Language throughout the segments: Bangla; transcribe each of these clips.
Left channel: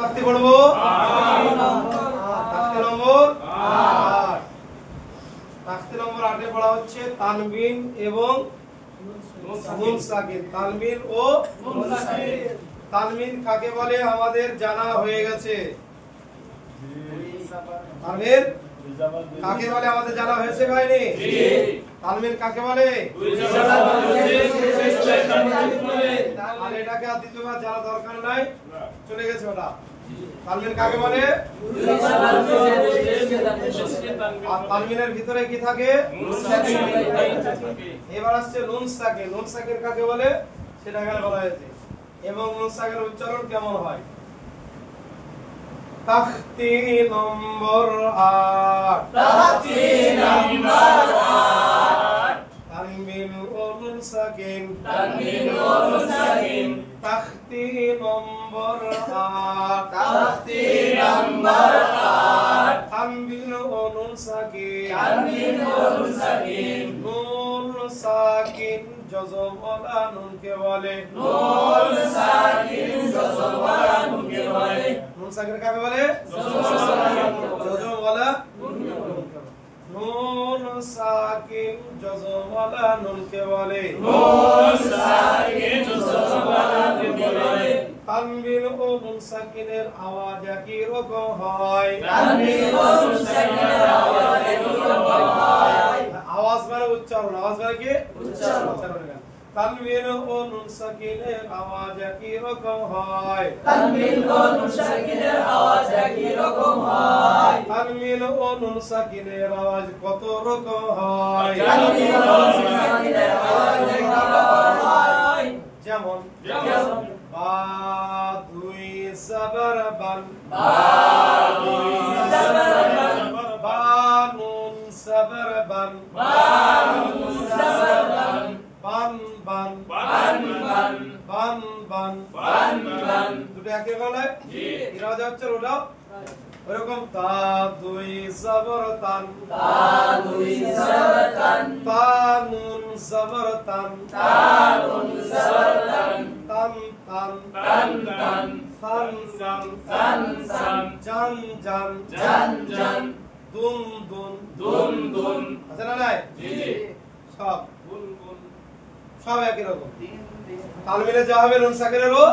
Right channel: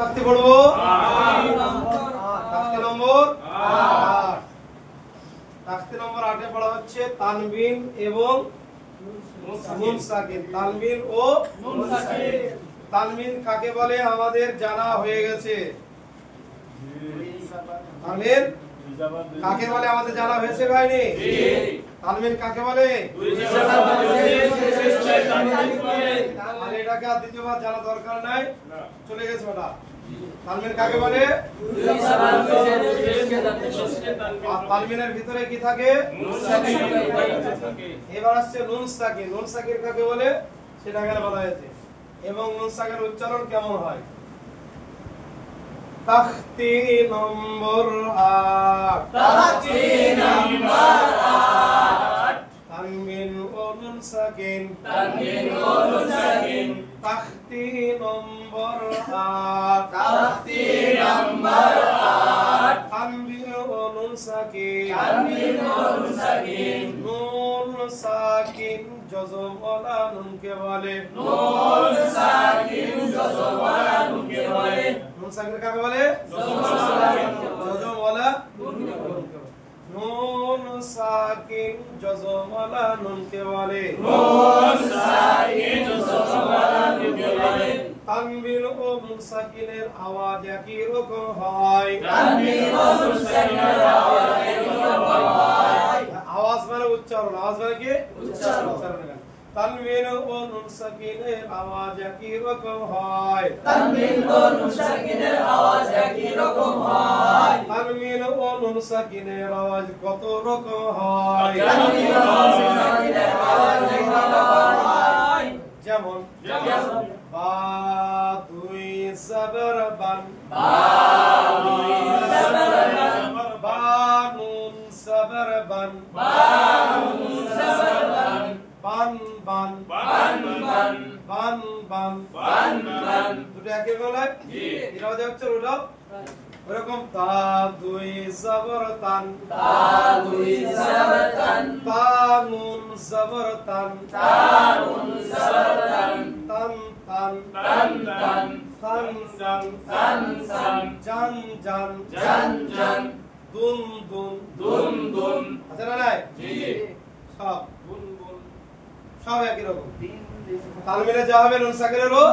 তাকতি পড়বো তাকতি নম্বর 8। তাকতি নম্বর 8 এ পড়া হচ্ছে তানবিন এবং নুন সাকিন। তানবিন ও নুন সাকিন। তানবিন কাকে বলে আমাদের জানা হয়ে গেছে। তানবিন কাকে বলে আমাদের জানা হয়েছে ভাইনি? তানবিন কাকে বলে? আর এটাকে আর দ্বিতীয়বার জানা দরকার নাই, চলে গেছে ওটা। তানবিন কাকে বলে? আর তানবিনের ভিতরে কি থাকে? এবার আসছে নুন সাকিন। নুন সাকিন কাকে বলে সেটা এখানে বলা হয়েছে। এবং নুন সাকিনের উচ্চারণ কেমন হয়? তাখতি নম্বর 8। তাখতি নম্বর 8। তানবিন ও নুন সাকিন। তানবিন ও নুন সাকিন। তাখতি নম্বর 8। তাখতি নম্বর 8। তানবিন ও নুন সাকিন। তানবিন ও নুন সাকিন। নুন সাকিন জজম ওয়ালা নুনকে বলে। নুন সাকিন জজম ওয়ালা নুনকে বলে। নুন সাকিন কাকে বলে? জজম ওয়ালা নুনকে বলে। নুন সাকিন জজম ওয়ালা নুনকে বলে। নুন সাকিন জজম ওয়ালা নুনকে বলে। তানবিন ও নুন সাকিনের আওয়াজ একই রকম হয়। তানবিন ও নুন সাকিনের আওয়াজ একই রকম হয়। আওয়াজ মানে উচ্চারণ। আওয়াজ মানে কি? উচ্চারণ। তানবিন ও নুন সাকিনের আওয়াজ একই রকম হয়। তানবিন ও নুন সাকিনের আওয়াজ একই রকম হয়। তানবিন ও নুন সাকিনের আওয়াজ কত রকম হয়? তানবিন ও নুন সাকিনের আওয়াজ একই রকম হয়। যেমন বা দুই সাবর বান। বা দুই সাবর বান। বা নুন সাবর বান। বা নুন সাবর বান। বান বান বান বান বান বান বান বান। দুটো একই গলায়? জি। এরা হচ্ছে ওটা ওরকম তা দুই জবর তান। তা দুই জবর তান। তা নুন জবর তান। তা নুন জবর তান। তান তান তান তান সান জান সান সান জান জান জান জান দুন দুন দুন দুন। আছে না নাই? জি। সব বুন বুন সব একই রকম। তানবিনে যা হবে নুন সাকিনেরও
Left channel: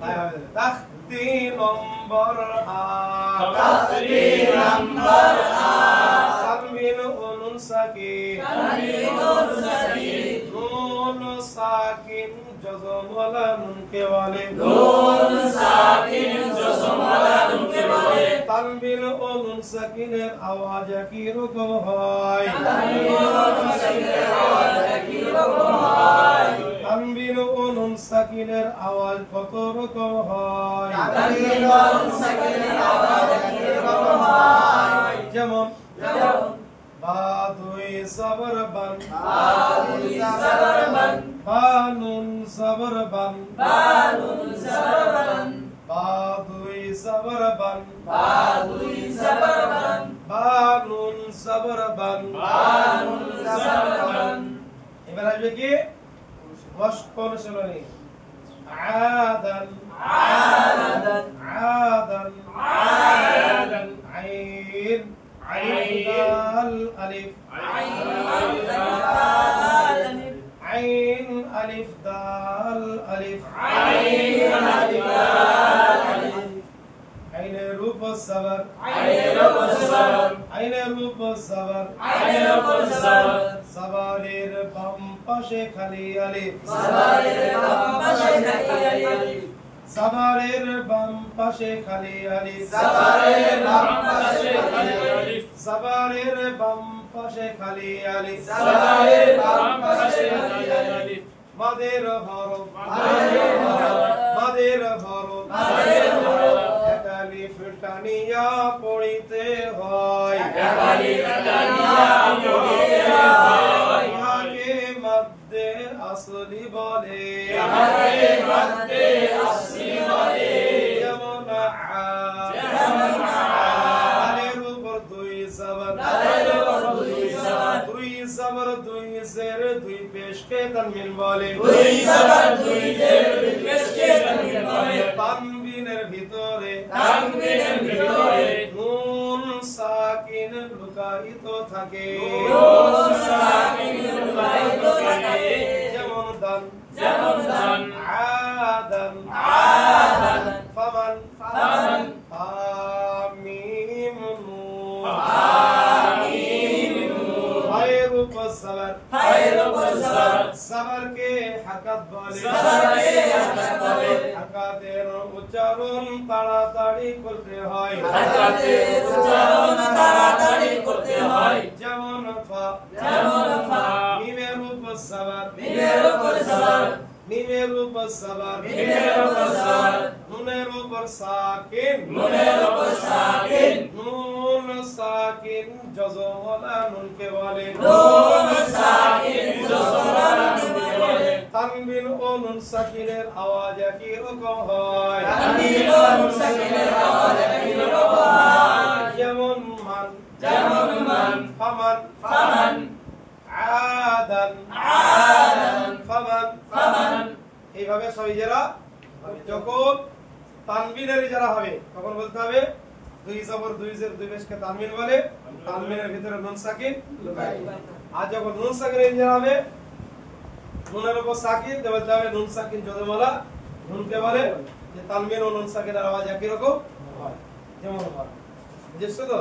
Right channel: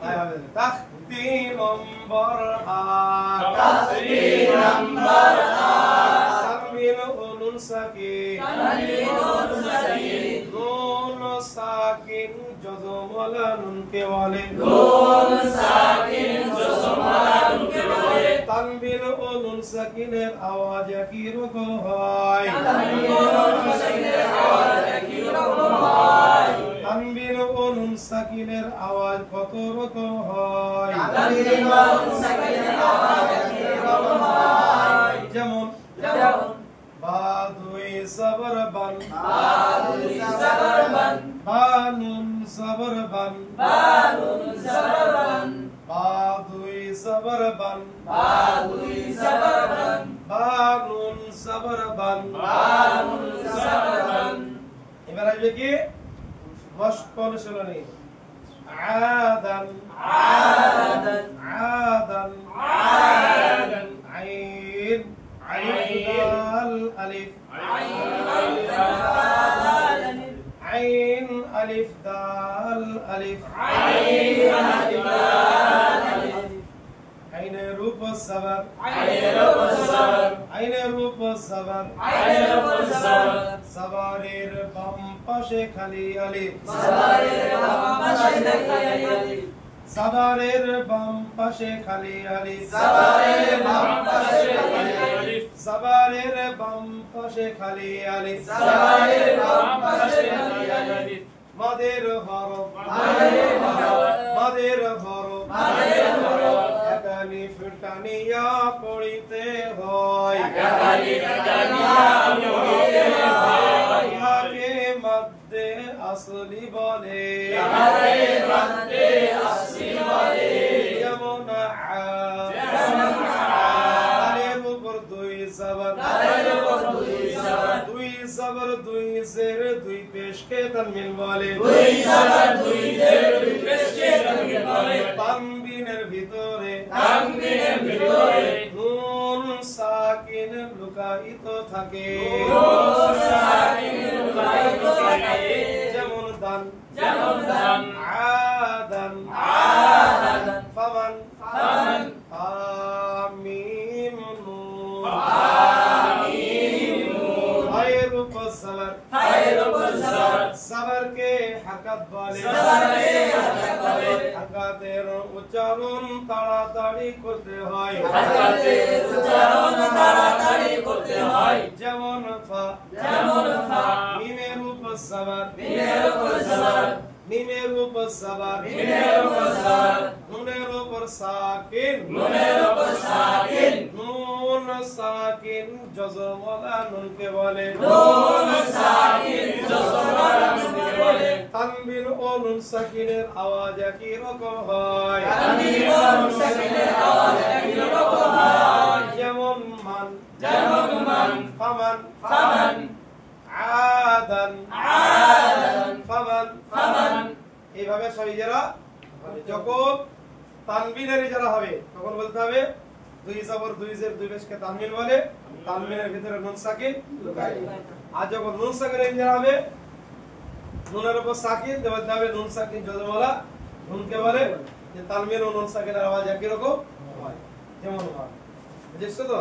তাই হবে। তাখতি নম্বর 8। তাখতি নম্বর 8। তানবিন ও নুন সাকিন। তানবিন ও নুন সাকিন। নুন সাকিন জজম ওয়ালা নুনকে বলে। নুন সাকিন জজম ওয়ালা নুনকে বলে। তানবিন ও নুন সাকিনের আওয়াজ একই রকম হয়। তানবিন ও নুন সাকিনের আওয়াজ একই রকম হয়। তানবিন ও নুন সাকিনের আওয়াজ কত রকম হয়? তানবিন ও নুন সাকিনের আওয়াজ একই রকম হয়। যেমন বা দুই সাবর বান। বা দুই সাবর বান। বা নুন সাবর বান। বা নুন সাবর বান। বা দুই সাবর বান। বা দুই সাবর বান। বা নুন সাবর বান। বা নুন সাবর বান। এবার আসবে কি মশক অনুশীলনী। আদান আদান আদান আদান আইন আলিফ দাল আলিফ আইন আলিফ দাল আলিফ আইন আলিফ দাল আলিফ আইনে রূপ সবর আইনে রূপ সবর আইনে রূপ সবর আইনে রূপ সবর সবরের বাম পাশে খালি আলিফ সবরের বাম পাশে খালি আলিফ সবরের বাম পাশে খালি আলিফ সবরের বাম পাশে খালি আলিফ সবরের বাম পাশে খালি আলিফ সবরের বাম পাশে খালি আলিফ মাদের হরফ মাদের হরফ মাদের হরফ মাদের হরফ এক আলিফ টানিয়া পড়িতে হয় এক আলিফ টানিয়া পড়িতে হয় ইহাকে মধ্যে আসলি বলে ইহাকে মধ্যে আসলি বলে যেমন আলের উপর দুই জবর আলের উপর দুই জবর দুই জবর দুই জের দুই পেশকে তানবিন বলে দুই জবর দুই জের দুই পেশকে তানবিন বলে তানবিনের ভিতর ভিতরে নুন সাকিন লুকায়িত থাকে যেমন দান আদান ফামান হামিম নুন ফায়ের উপর সবর সবরকে হাকাত বলে হাকাতের উচ্চারণ তাড়াতাড়ি করতে হয় যেমন ফা মিমের উপর সবর মিমের উপর সবর নুনের উপর সাকিন নুন সাকিন জজমওয়ালা নুনকে বলে তানবিন ও নুন সাকিনের আওয়াজ একই রকম হয় যেমন মান ফামান আদান ফামান এইভাবে সবাই যারা যখন তানবিনের যারা হবে তখন বলতে হবে দুই জবর দুই জের দুই পেশকে তানবিন বলে তানবিনের ভিতরে নুন সাকিন লুকায়িত আর যখন নুন সাকিনের যারা হবে নুনের উপর সাকিন বলতে হবে নুন সাকিন জজমওয়ালা নুনকে বলে যে তানবিন ও নুন সাকিনের আওয়াজ একই রকম হয় যেমন হয় বুঝেছো তো